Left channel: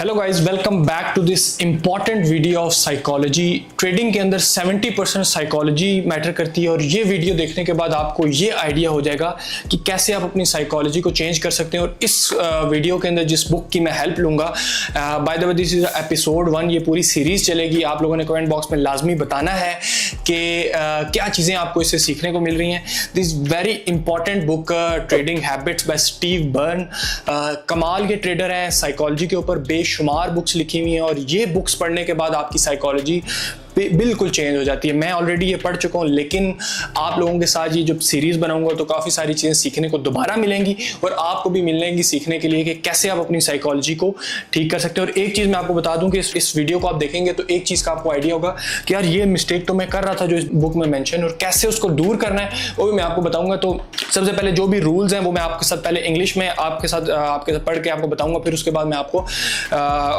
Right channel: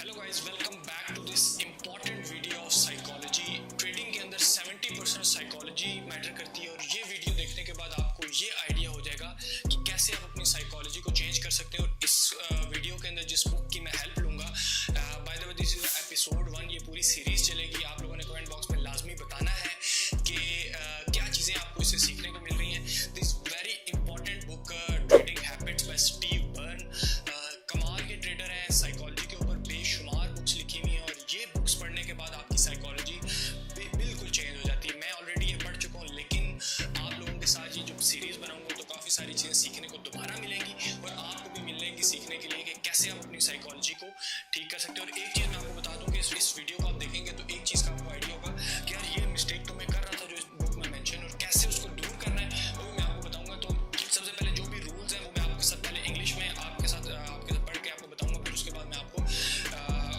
Hello guys, welcome back to this important video of psychology. Trading के अंदर 70% psychology matter करती है और ये वीडियो देखने के बाद आपको ये आइडिया हो जाएगा कि कैसे आप अपनी साइकोलॉजी को चेंज कर सकते हैं। और इस वीडियो के अंदर जिस बुक की मैं हेल्प लूंगा, by the way this is episode 1, ये पूरी सीरीज चलेगी। आप लोगों ने कमेंट बॉक्स में लाजमी बताना है कि क्या चीज़ें आपको इससे सीखने को मिल रही हैं। This very important book trading habits bye Steve burn. कमाल के ट्रेडर हैं, साइकोलॉजी के ऊपर बेशुमार बुक्स लिखी हुई हैं और ये बुक्स पढ़ने के बाद आपकी साइकोलॉजी बिल्कुल चेंज हो जाती है। मैं ऑलरेडी ये पढ़ चुका हूँ, लेकिन आप लोगों के साथ ये जब सीरीज बनाऊंगा तो काफ़ी सारी चीज़ें सीखने को दोबारा मिलेंगी और आपको भी मिलेंगी सीखने के लिए कि कैसे आप अपनी साइकोलॉजी को ठीक कर सकते हैं। और एक चीज़ मैं आपको बता दूं कि इस वीडियो को आप देखेंगे तो एक चीज़ का आपको आइडिया होगा कि यार ये मिस्टेक तो मैं कर रहा था जो इस बुक में मेंशन, और कैसे उसको दूर करना है वो भी मैं आपको बताऊंगा। तो सबसे पहले जो भी रूल्स हैं वो मैं आपके साथ पहले इंग्लिश में आपके साथ पढ़ के आपको बताऊंगा, फिर उसके बाद मैं आपको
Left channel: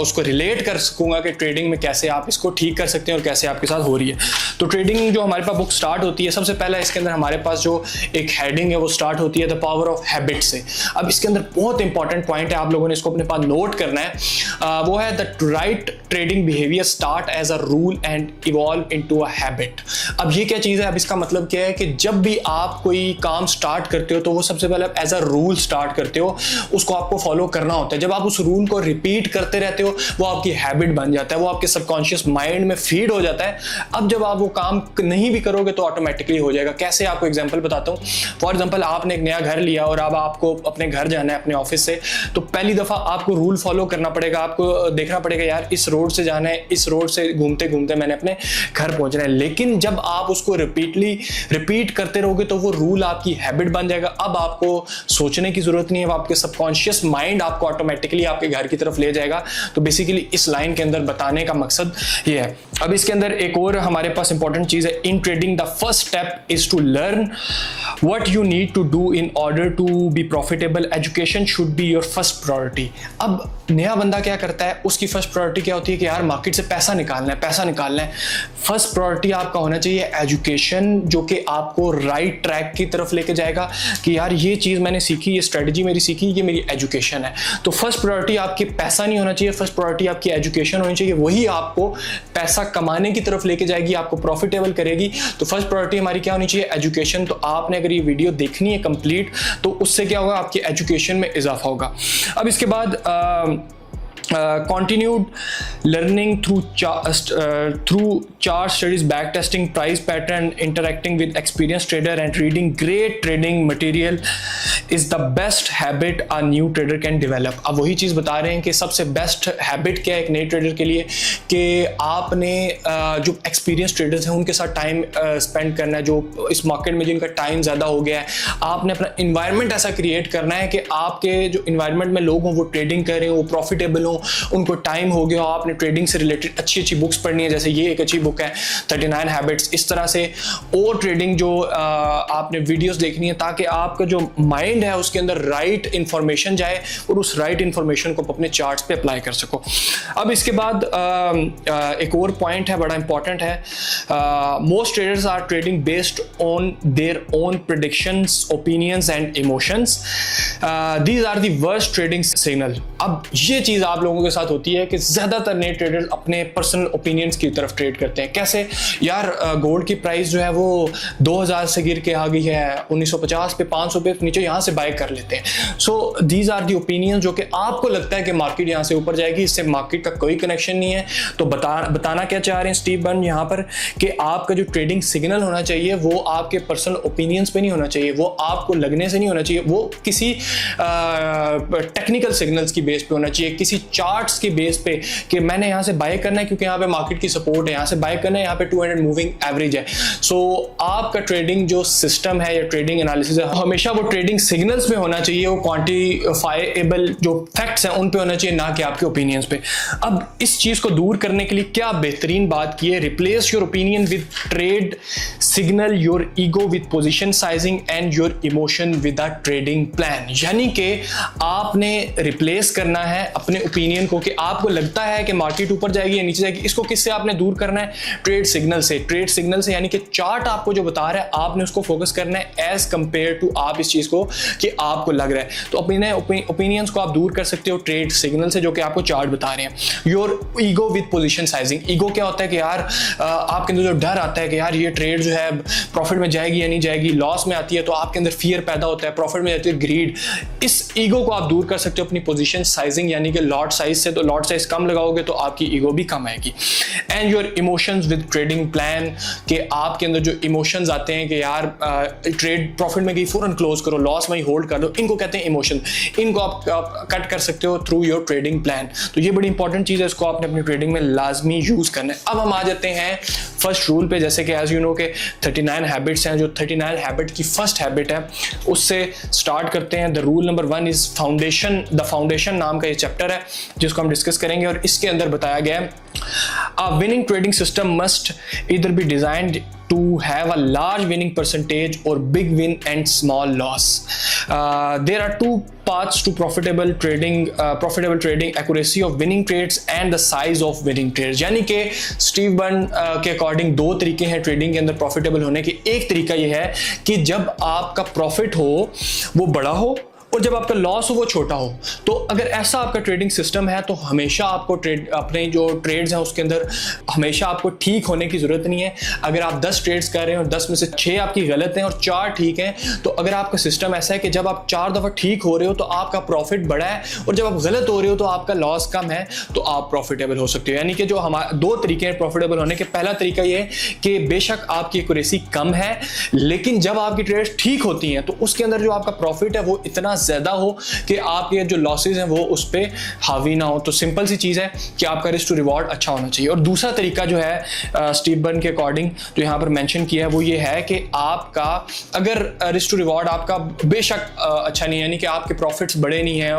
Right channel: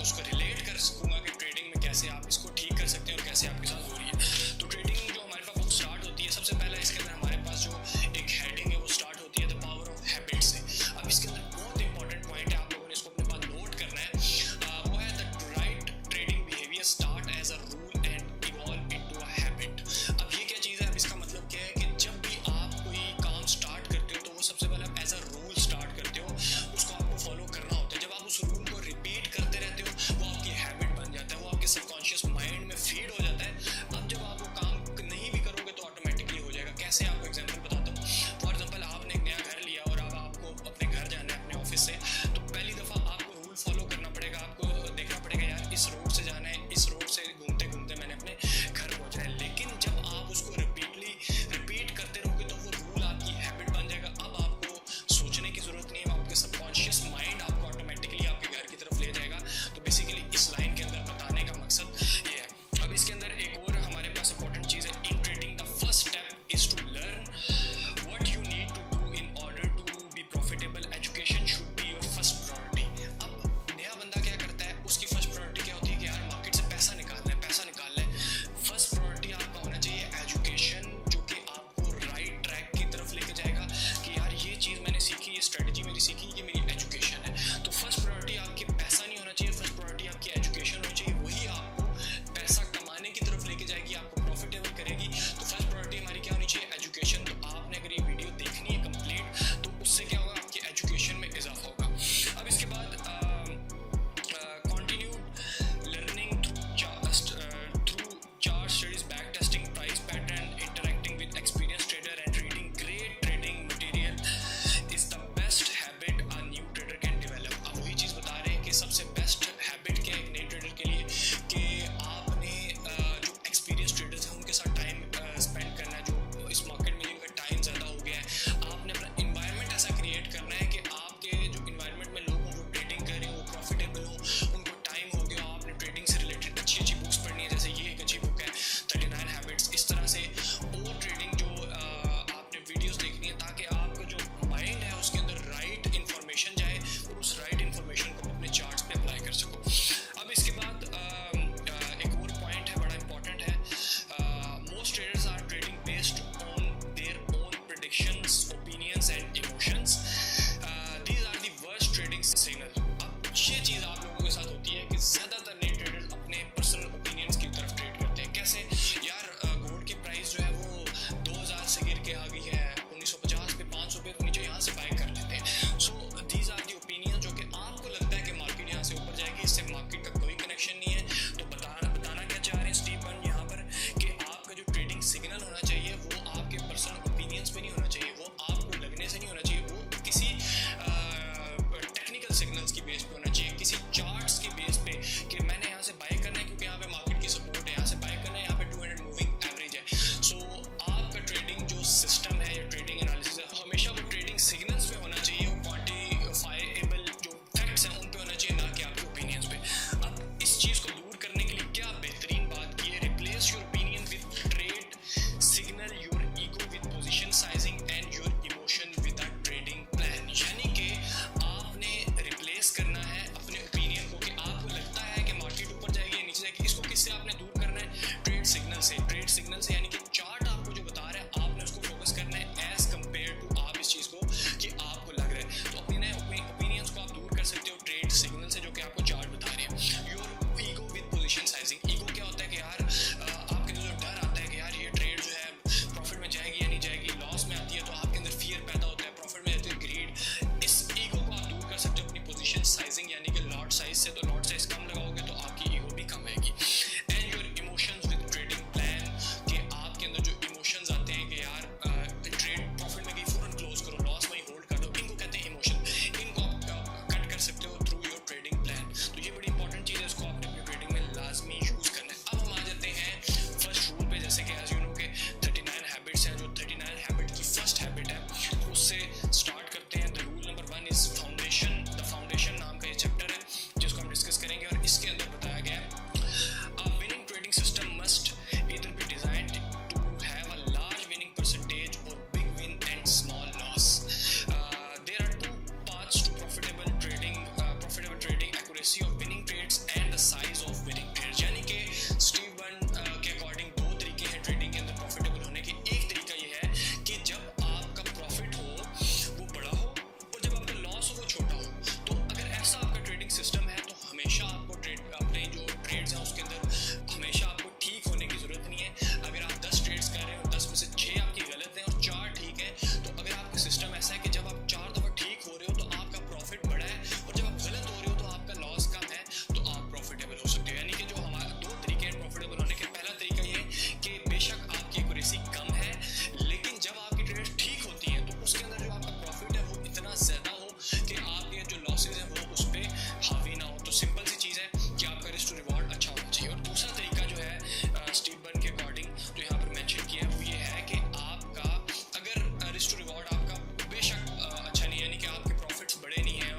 उसको रिलेट कर सकूंगा कि ट्रेडिंग में कैसे आप इसको ठीक कर सकते हैं और कैसे आपके साथ हो रही है। तो ट्रेडिंग जो हमारे पास बुक स्टार्ट होती है, सबसे पहला इसके अंदर हमारे पास जो एक हेडिंग है वो स्टार्ट होती है द पावर ऑफ हैबिट से। अब इसके अंदर बहुत इंपॉर्टेंट पॉइंट है, आप लोगों ने इसको अपने पास नोट करना है। वो है the right trading behaviour start as a rule and evolve into a habit. अब ये क्या चीज़ है? अब इसका मतलब क्या है कि जब भी आप कोई काम स्टार्ट करते हो तो वो सबसे पहले एज अ रूल स्टार्ट करते हो, उसको आपको फॉलो करना होता है। जब आप उस रूल को रिपीट करते रहते हो वो आपकी हैबिट बन जाता है, वो आपके सबकॉन्शियस माइंड में फीड हो जाता है। अब जब आप वो काम नहीं भी करोगे तो ऑटोमेटिकली हो जाएगा। कैसे? आपको एग्जांपल बताता हूँ। फॉर एग्जांपल आपने एक नया घर लिया और अब आपको अपने घर जाना है अपने ऑफिस से, तो पहली दफ़ा आपको रूल फॉलो करना पड़ेगा। आपको देखना पड़ेगा यार इस रोड से जाना है, इस रोड से घूमते घूमते मैंने अपने घर पहुँचना है। लेकिन जब आप उसको रिपीट करते रहोगे तो वो रूल आपकी हैबिट बन जाएगा। अब आपको सोचने की जरूरत नहीं है, आपके सबकॉन्शियस माइंड आपको ऑटोमेटिकली आपके घर की तरफ ले जाएगा। तो बेसिकली इस लाइन के अंदर बताने का मकसद ये है। अब इसके अंदर एक और हमारे पास इंपॉर्टेंट चीज है, in trading the first step is to learn what you need to do in order to be profitable. Education should be your first priority. अब नया बंदा क्या करता है, उसकी फर्स्ट प्रायोरिटी क्या होती है कि यार मार्केट से पैसा निकालना है। फर्स्ट प्रायोरिटी आपका होना चाहिए एजुकेशन, जो कि आपको राइट ट्रैक की तरफ लेके जाएगा कि यार ये चीज़ मैंने सीखी, ये स्ट्रेटजी मेरी सीखी, ये मेरी एजुकेशन है। तो फर्स्ट प्रायोरिटी आपकी पैसा नहीं होना चाहिए, फर्स्ट प्रायोरिटी आपकी एजुकेशन होनी चाहिए। वही आपको पैसा कमाने की तरफ लेके जाएगी, आपको प्रॉफिटेबल करेगी। तो फर्स्ट प्रायोरिटी हमारी क्या होनी चाहिए? एजुकेशन। तो आपने अगर ये वीडियो देखनी है कंप्लीट तो उससे क्या होगा, आपकी एजुकेशन में इजाफा होगा। अब इसके बाद continued learning through chart studies, back testing price pattern, interacting with experienced trader and reading great trading material is the best habit a new trader can develop. अब वही चीज़ बता रहे हैं कि सबसे बेस्ट हैबिट क्या है एक नए ट्रेडर के लिए, कि आपने जो एक्सपीरियंस ट्रेडर्स हैं उनके साथ टाइम स्पेंड करना है। जो इस मार्केट में जिनका टाइम ज़्यादा हो गया है, आपने अपना इन्वायरमेंट ऐसा क्रिएट करना है कि आपके जो इन्वायरमेंट में लोग हों वो ट्रेडिंग कर रहे हो, वो प्रॉफिटेबल हो, उनको टाइम हो गया, आपने ट्रेडिंग से रिलेटेड अच्छी बुक्स पढ़नी है। जैसे ये एक अच्छी बुक है 39 हैबिट्स। इस तरह से और ट्रेडिंग जो आपने वीडियोस देखनी है ताकि आपका जो माइंड है उसके अंदर राइट इंफॉर्मेशन जाए और उस राइट इंफॉर्मेशन को अपने चार्ट्स पे अप्लाई कर सको। अब इसके बाद एक और पॉइंट है, बड़ा इंपॉर्टेंट है। Most traders are trading based on their own predictions, opinions and emotions. These are the worst trading signal. अब ये चीज़ आप लोगों के साथ होती है कि ज़्यादातर नए ट्रेडर्स अपने पर्सनल ओपिनियंस की तरफ ट्रेड करते हैं। कैसे? यार गोल्ड की प्राइस जो है वो 2000 से गिर के आ गई है 1950 पे, 500 पे नीचे, यहाँ से बाय कर लेते हैं। So these are the opinions जो कि आपको लगता है कि मार्केट यहाँ से ऊपर जाएगी, इससे मार्केट का कोई कनेक्शन नहीं है। तो बताना क्या चाह रहे हैं स्टीव बर्न यहाँ पर कि आपका जो ट्रेडिंग सिग्नल होना चाहिए वो आपके पर्सनल ओपिनियंस पे नहीं होना चाहिए, वो आपको लगने से नहीं होना चाहिए, वो किसी टेक्निकल सिग्नल्स की बेस पे होना चाहिए, किसी चार्ट्स के बेस पे कि मैंने यहाँ से बाय करना है क्योंकि यहाँ पे मार्केट की सपोर्ट है, यहाँ से बाय करना है, यहाँ पे 200 मूविंग एवरेज है। सो आपका ट्रेडिंग जो सिस्टम है या ट्रेडिंग एनालिसिस है हमेशा वो ट्रेडिंग सिग्नल्स पे होना चाहिए, वो क्वांटिफाइएबल जो फैक्ट्स हैं उन पे होना चाहिए, ना कि आपके ओपिनियंस पे। अब इस चीज को दूर करने के लिए क्या बेहतरीन बात की है, replace your opinion with trade signal, your ego with position sizing and your emotion with a trading plan. यानी कि आपने रिप्लेस करना है अपने ओपिनियन ओपिनियन को कि आपको लगता है कि मार्केट ऊपर जाएगी या नीचे जाएगी, इसको किससे आपने दूर करना है? ट्रेड सिग्नल से। ट्रेड सिग्नल से यानी कि चार्ट आपको जो बता रहा है आपने उसको फोकस करना है एज कंपेयर टू आप इस चीज को कि आपको लग रहा है। तो अपने ओपिनियंस को आप दूर कर सकते हो ट्रेड सिग्नल से जो कि आपको चार्ट बता रहे हैं। Your ego with position sizing. Ego क्या होता है कि यार आपके अंदर जो डर आता है कि यार ये ट्रेड जो है प्रॉफिट में जाएगी या नहीं जाएगी, लॉस में आती है तो आपके अंदर फियर पैदा होता है, प्रॉफिट में जाती है ग्रीड। इस ईगो को आप दूर कर सकते हो अपनी पोजीशन साइजिंग यानी कि लॉट साइज से। तो लॉट साइज कम लगाओगे तो आपकी ईगो भी कम आएगी। And your emotions with trading plan, कि आपके अंदर जो इमोशंस आते हैं कि यार ट्रेड प्रॉफिट में गई फौरन क्लोज करो, लॉस में होल्ड कर लो, इनको कहते हैं इमोशन। इनको आप कट कर सकते हो थ्रू योर ट्रेडिंग प्लान। तो ये बड़ी इंपॉर्टेंट चीज़ है, इसको आपने अपनी ट्रेडिंग में लाजमी यूज करना है। अब हम आ जाते हैं फर्स्ट रूल पे, जैसे कि एज यू नो के 39 हैबिट्स हैं। जो 39 हैबिट की फर्स्ट हैबिट है उससे स्टार्ट करते हैं। The rule number 1 is foundation. The foundation नाम का ये चैप्टर है जिसको हम डिस्कस करेंगे और इसके अंदर बताया गया है a winning trading system must either be designed to have a large winning percentage or big win and small loss. There are two paths to profitable trading: accuracy of winning trades and the size of winning trades. यानी कि Steve burn के according दो तरीके हैं trading के अंदर profitable होने के। एक तरीका ये है कि जब आपका प्रॉफिट हो वो बड़ा हो और जब आपका लॉस हो वो छोटा हो। तो अगर ऐसा आपका ट्रेडिंग सिस्टम है तो हमेशा आपको अपने जो ट्रेड्स हैं उसके अंदर हमेशा आपको ठीक होने की ज़रूरत नहीं है। अगर आप 10 ट्रेड्स कर रहे हैं और 10 में से 6 आपकी गलत हैं और 4 ठीक हैं, तो अगर आपका सिस्टम ऐसा है कि जब आप 4 दफ़ा ठीक हो रहे हो तो आपका प्रॉफिट बड़ा है और जब आप गलत हो रहे हो तो आपका लॉस कम है, तो आप प्रॉफिटेबल हो सकते हो। यानी कि जो हमारे दो तरीके हैं प्रॉफिटेबल होने के। पहला तरीका ये है कि बेशक आपकी एक्यूरेसी कम है लेकिन जब आपकी ट्रेड्स ठीक होती हैं तो उसके अंदर जो आपका प्रॉफिट है वो इतना ज़्यादा हो कि आपके जो लॉसेज हैं वो उस पर हावी ना हो। तो सिंपल सी चीज़ है कि आपका रिस्क टू रिवॉर्ड अच्छा होना चाहिए। और दूसरा तरीका जो है स्टीव बर्न के अकॉर्डिंग जो यहाँ पर मेंशन किया है वो ये है कि आपका अगर रिस्क टू रिवॉर्ड आपका बेशक अच्छा नहीं है, यानी कि आपके प्रॉफिट्स बड़े नहीं हैं,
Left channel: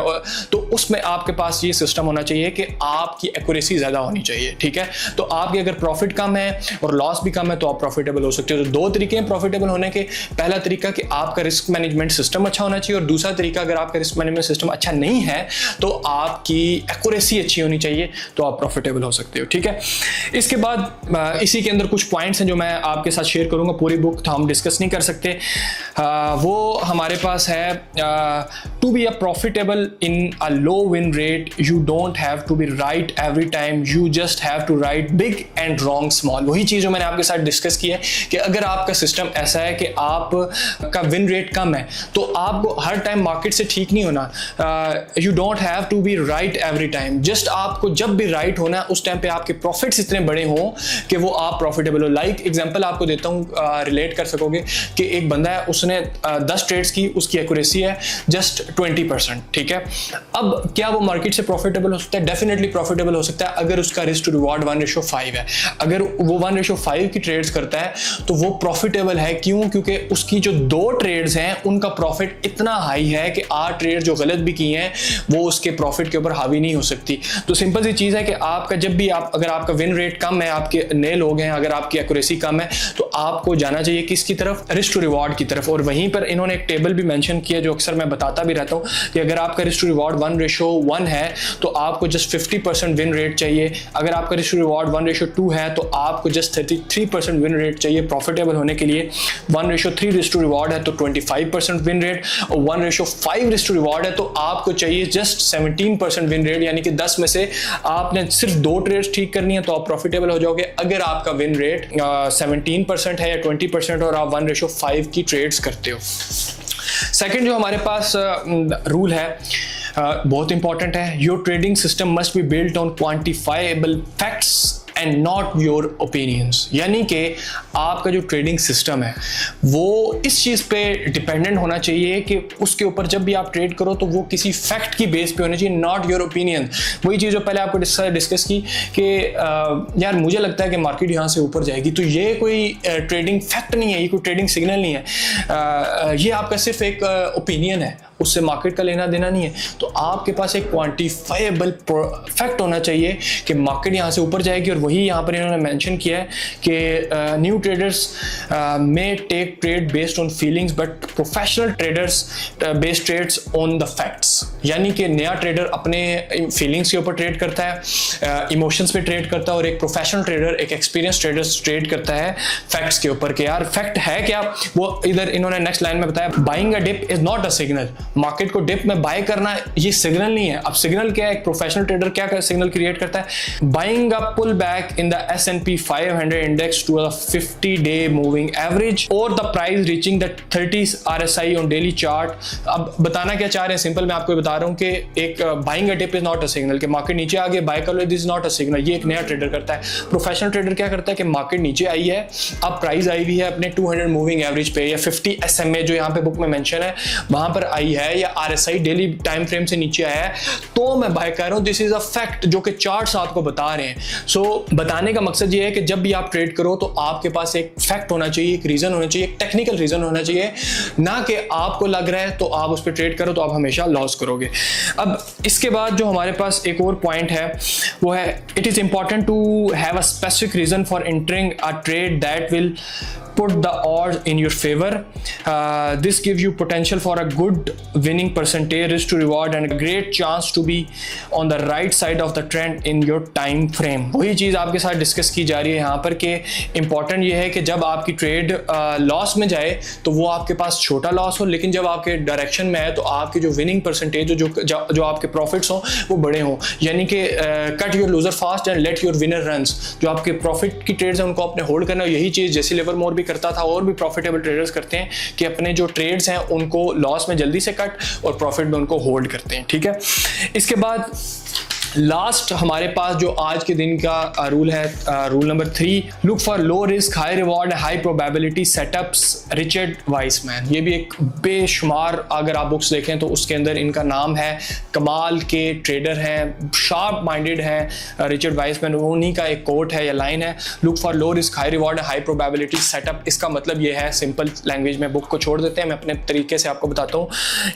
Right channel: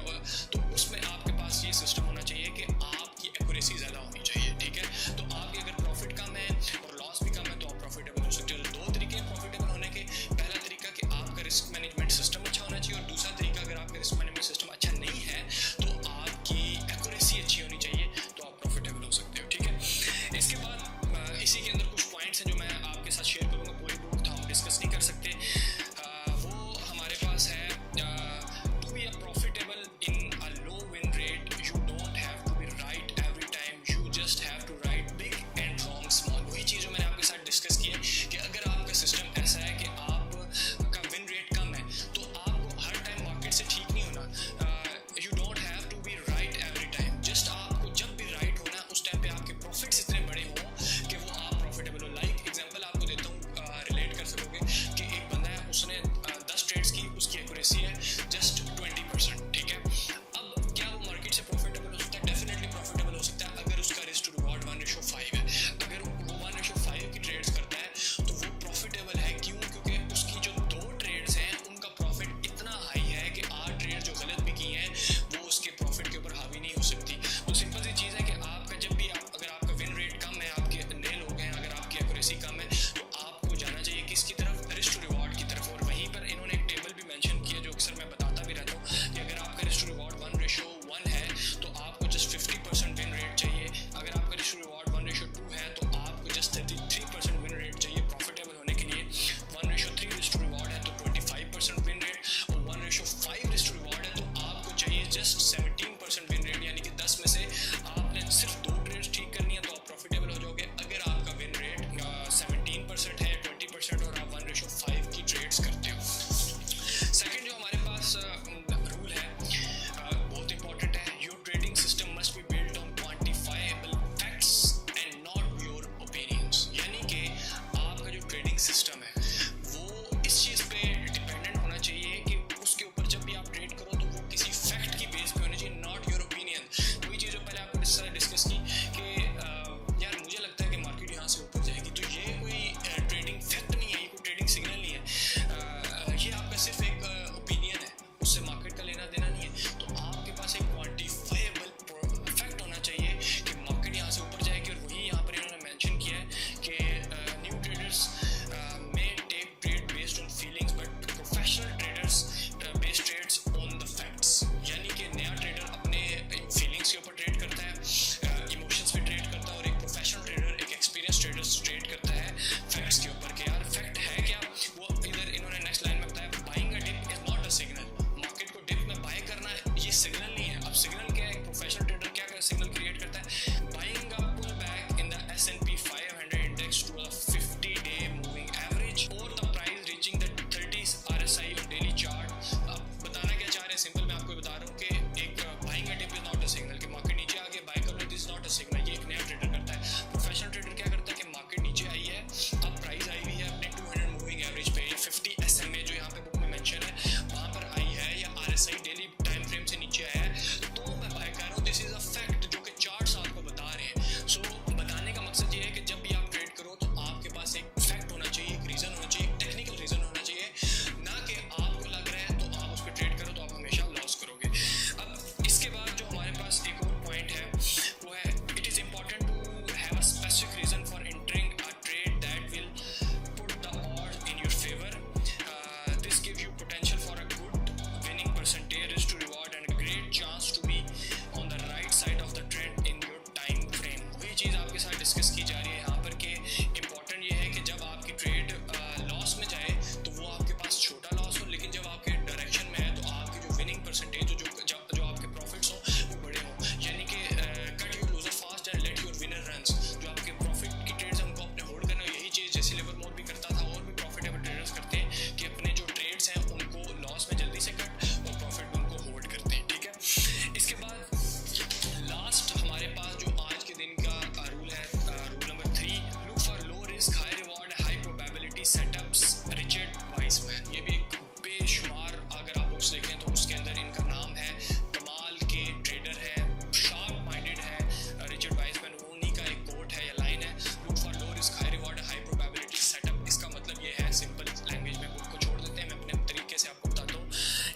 तो उसमें आपके पास ये सिस्टम होना चाहिए कि आपकी एक्यूरेसी ज़्यादा होनी चाहिए। ठीक है, तो आपके अगर प्रॉफिट कम है और लॉस भी कम है तो आप प्रॉफिटेबल हो सकते हो। तो दो तरीके हैं प्रॉफिटेबल होने के। पहला तरीका कि आपका रिस्क मैनेजमेंट सिस्टम अच्छा होना चाहिए और दूसरा तरीका अगर आपका रिस्क मैनेजमेंट सिस्टम अच्छा नहीं है तो आपकी एक्यूरेसी अच्छी होनी चाहिए तो आप प्रॉफिटेबल हो सकते हो। ठीक है, इसके बाद इसी के अंदर कुछ पॉइंट्स हैं जो मैं आपके साथ शेयर करूंगा। पूरी बुक तो हम डिस्कस नहीं कर सकते, वो हमारे पास है to be a profitable in a low win rate you don't have to be right every time, you just have to right big and wrong small. वही चीज़ जो मैंने आपके साथ डिस्कस की है कि अगर आपका सिस्टम ऐसा है कि आपका विन रेट कम है तो आपको हर टाइम मार्केट से ठीक नहीं होना। You don't have to be right every time, just आपको जब भी राइट होना है उस टाइम पे आपके प्रॉफिट्स इतने बड़े हों कि वो आप प्रॉफिटेबल हो। लाइक एग्जांपल आपको देता हूँ, रिलेट कर सकोगे कि एक बंदा है उसने 10 ट्रेड्स की, उसकी एक्यूरेसी है जस्ट 20%। ठीक है, अब क्या वो मार्केट से प्रॉफिटेबल हो सकता है? डेफिनेटली प्रॉफिटेबल हो सकता है अगर उसका रिस्क टू रिवॉर्ड 1:5 है। अगर वो 1:5 की ट्रेड्स करता है तो वो प्रॉफिटेबल है। क्यों? क्योंकि उसकी जो 2 ट्रेड्स हैं उनका प्रॉफिट इतना हाई है कि 8 ट्रेड जो गलत भी की हैं वो उसके प्रॉफिट के ऊपर हावी नहीं हो सकती। तो सिंपल सी चीज़ है कि आपका जब भी अगर आपका विन रेट कम है, आपके नए लोग हैं, अगर आपकी एक्यूरेसी कम है तो आपको जाना चाहिए किसकी तरफ? रिस्क टू रिवॉर्ड की तरफ। और वहीं पर इन्होंने एक टेबल भी मेंशन किया जो अक्सर मैं बताता भी रहता हूँ कि अगर आपका रिस्क टू रिवॉर्ड 1:1 है तो आपको जस्ट 50% विन रेट चाहिए। अगर आपका रिस्क टू रिवॉर्ड 1:2 है तो आपको जस्ट 33% विन रेट चाहिए प्रॉफिटेबल होने के लिए। 1:3 रिस्क टू रिवॉर्ड है तो 25% विन रेट, और 1:5 रिस्क टू रिवॉर्ड है तो आपको चाहिए जस्ट 17% विन रेट, यानी कि 10 में से आपने सिर्फ 2 ट्रेड्स ठीक करनी है तो आप प्रॉफिटेबल हो जाओगे। अगर आपका विन रेट 17% है या 20% और आप 1:5 की ट्रेड्स करते हो। सेकंड जो हमारे पास रूल है बहुत इंपॉर्टेंट है, your trading system must be built on quantifiable facts and not your opinions. यानी कि आपका जो ट्रेडिंग सिस्टम है वो इस चीज़ पे डिपेंडेंट होना चाहिए कि उसके ऊपर जब भी आप ट्रेड करो तो वो किसी फैक्ट की बेस पे होना चाहिए, नॉट योर ओपिनियन। वही चीज़ जो पहले आपको डिस्कस की कि यार मुझे लगता है कि मार्केट यहाँ से ऊपर जाएगी, तो ये कोई ट्रेडिंग फैक्ट नहीं है, ये कोई ट्रेडिंग सिग्नल नहीं है, ये आपका सिर्फ एक ओपिनियन है। उससे मार्केट का लेना देना नहीं है। तो आपके पास एक क्वांटिफाइबल फैक्ट होना चाहिए कि मार्केट यहाँ से ऊपर जाएगी, और वही यहाँ पर इन्होंने मेंशन किया है कि new traders may take trade based on feelings but professional traders based trades on the facts. यानी कि नया ट्रेडर अपने फीलिंग्स के ऊपर ट्रेड करता है, इमोशंस पे ट्रेड करता है, और एक प्रोफेशनल ट्रेडर, एक एक्सपीरियंस ट्रेडर ट्रेड करता है फैक्ट्स के ऊपर कि यार फैक्ट है क्या। वो इधर इन्होंने नेक्स्ट लाइन में बताया, buying a dip is not a signal. Market को डिप में बाय करना ये सिग्नल नहीं है। अब सिग्नल क्या है, एक प्रोफेशनल ट्रेडर क्या सिग्नल क्रिएट करता है, buying a pull back in the S&P 500 index to a 50-day moving average और the price reaching the 30 RSI on daily chart. अब बताना क्या चाह रहे हैं, सिंपल मैं आपको बता रहा हूं कि एक buying a dip is not a signal कि मार्केट नीचे आ गए बाय कर लो, this is not a signal. ये एक नया ट्रेडर करता है। प्रोफेशनल ट्रेडर क्या करता है कि मार्केट नीचे आई है, अब प्राइस आई भी है अपने 200 मूविंग एवरेज पे या 50 SMA जो यहाँ पे बुक में मेंशन है वहां पर आई है, या RSI डेली टाइम फ्रेम से नीचे आया है, तो मैं बाय कर रहा हूं। दिस इज अ फैक्ट जो कि चार्ट्स आपको बता रहे हैं। सो बताने का मकसद ये है कि जब भी आप ट्रेड करो तो आपके पास एक फैक्ट होना चाहिए, एक रीजन होना चाहिए, एक टेक्निकल रीजन होना चाहिए, ना कि आपको लग रहा है तो आप उस पर ट्रेड करो तो आप हमेशा लॉस करोगे। अब इसके बाद जो हमारे पास एक और पॉइंट है वो है, it is important to have a specific reason for entering a trade that will put the odds in your favor. This gives you potential for a good winning percentage, risk to reward, and a great chance to be on the right side of the trend in your time frame. वही चीज़ आपके साथ discuss की जा रही है यहाँ पर कि इम्पॉर्टेंट ये है कि जब आपकी ट्रेड लॉस में जाए तो वो आपके पास छोटा लॉस हो, लेकिन जब आपके डायरेक्शन में है तो आपकी जो विनिंग परसेंटेज जो आपके प्रॉफिट्स हों वो बड़े हों। यानी कि cut your loser fast and let your winner runs. जो आपके प्रॉफिट की ट्रेड्स हैं उनको अपने होल्ड करना है। यही चीज़ जैसे लिवरमोर करता था और भी प्रॉफिटेबल ट्रेडर्स करते हैं कि अपने जो ट्रेड्स हैं उनको लॉस में जल्दी से कट और प्रॉफिट में उनको होल्ड करते हैं। ठीक है, इसके बाद लास्ट हमारे पास जो आज के दिन का रूल है, rule number 3, look for low risk high reward high probability setups, Richard Wiseman. ये भी एक बेशुमार अगर आप बुक्स देखें तो उसके अंदर इनका नाम है, कमाल के ट्रेडर हैं, शार्प माइंडेड हैं रिचर्ड वाइसमैन। उन्हीं का एक कोट है या लाइन है, look for low risk high reward high probability setup. इसका मतलब ये है, सिंपल लैंग्वेज में बुक को छोड़ देते हैं, मैं अपने तरीके से आपको बताता हूँ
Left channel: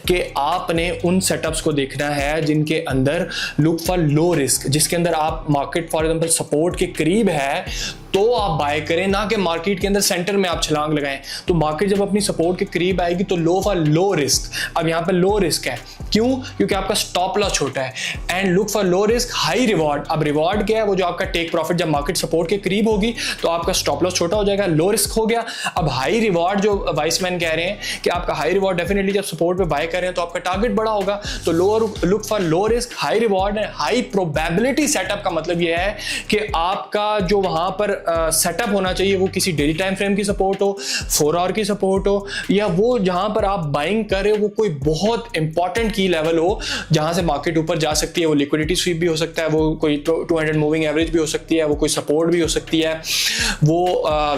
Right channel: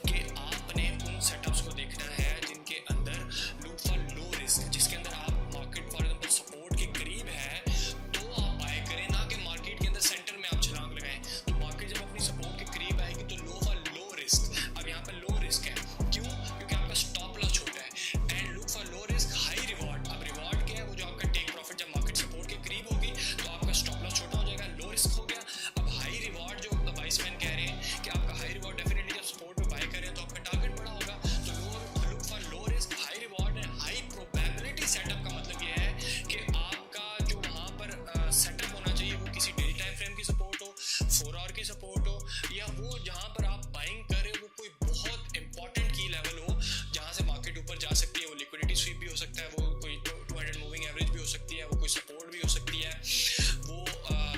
कि आपने उन सेटअप्स को देखना है जिनके अंदर लुक फॉर लो रिस्क, जिसके अंदर आप मार्केट फॉर एग्जांपल सपोर्ट के करीब है तो आप बाय करें, ना कि मार्केट के अंदर सेंटर में आप छलांग लगाएं। तो मार्केट जब अपनी सपोर्ट के करीब आएगी तो लो फॉर लो रिस्क। अब यहाँ पर लो रिस्क है, क्यों? क्योंकि आपका स्टॉप लॉस छोटा है। And look for low risk high reward. अब रिवॉर्ड क्या है? वो जो आपका टेक प्रॉफिट जब मार्केट सपोर्ट के करीब होगी तो आपका स्टॉप लॉस छोटा हो जाएगा, लो रिस्क हो गया। अब हाई रिवॉर्ड जो वाइसमैन कह रहे हैं कि आपका हाई रिवॉर्ड डेफिनेटली जब सपोर्ट पे बाय कर रहे हैं तो आपका टारगेट बड़ा होगा। तो look for low risk high reward and high probability setup का मतलब ये है कि आपका जो वहां पर सेटअप होना चाहिए वो किसी डेली टाइम फ्रेम की सपोर्ट हो, 4 आवर की सपोर्ट हो, या वो जहां पर आप बाइंग कर रहे हो वो कोई बहुत इंपॉर्टेंट की लेवल हो जहां से मार्केट ऊपर जा सकती है। वो लिक्विडिटी स्वीप भी हो सकता है, वो कोई 200 मूविंग एवरेज भी हो सकती है, वो कोई सपोर्ट भी हो सकती है, वो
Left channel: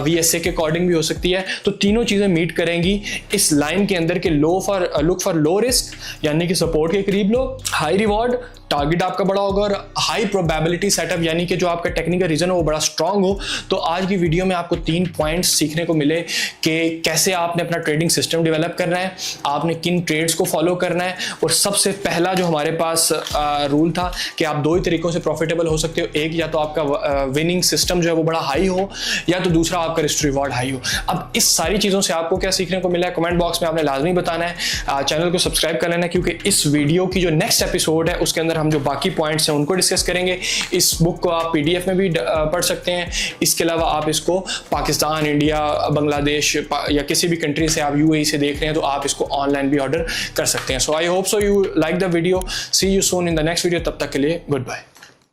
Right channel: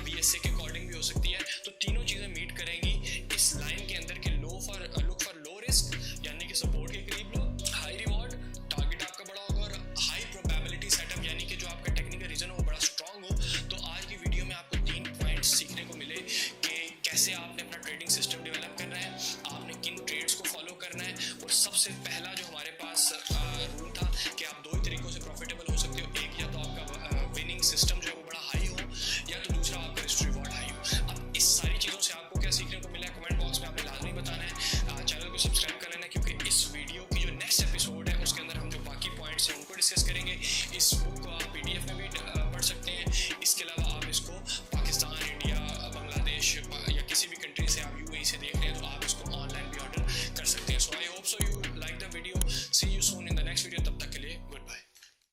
VSA के अकॉर्डिंग भी हो सकती है। तो तीनों चीजें मीट करेंगी इस लाइन के अंदर के लुक फॉर लो रिस्क यानी कि सपोर्ट के करीब लो, हाई रिवॉर्ड टारगेट आपका बड़ा होगा, और हाई प्रोबेबिलिटी सेटअप यानी कि जो आपका टेक्निकल रीजन हो वो बड़ा स्ट्रांग हो। तो आज की वीडियो में आपको 3 पॉइंट्स सीखने को मिले कि कैसे आपने अपना ट्रेडिंग सिस्टम डेवलप करना है, आपने किन ट्रेड्स को फॉलो करना है, और सबसे पहला जो हमारे पास रूल था कि आप 2 ही तरीकों से प्रॉफिटेबल हो सकते हो। एक, या तो आपका विनिंग सिस्टम जो है वो बड़ा हाई हो, या तो दूसरा आपका रिस्क रिवॉर्ड हाई हो। अब इस सारी चीज़ों से आपको क्या सीखने को मिला है कमेंट बॉक्स में आपने लाजमी बताना है। चैनल को सब्सक्राइब कर लेना, क्योंकि इस वीडियो की जो नेक्स्ट एपिसोड है उसके अंदर हम जो बाकी पॉइंट्स हैं उनको डिस्कस करेंगे। इस बुक को आप PDF में भी पढ़ सकते हैं। इसके अलावा आप इसको पाकिस्तान, इंडिया, बांग्लादेश या किसी भी कंट्री से आप UAE से देख रहे हैं तो आप इसको ऑनलाइन भी ऑर्डर कर सकते हैं। So I hope so you like the video. See you soon in the next video. तब तक के लिए गुड बाय।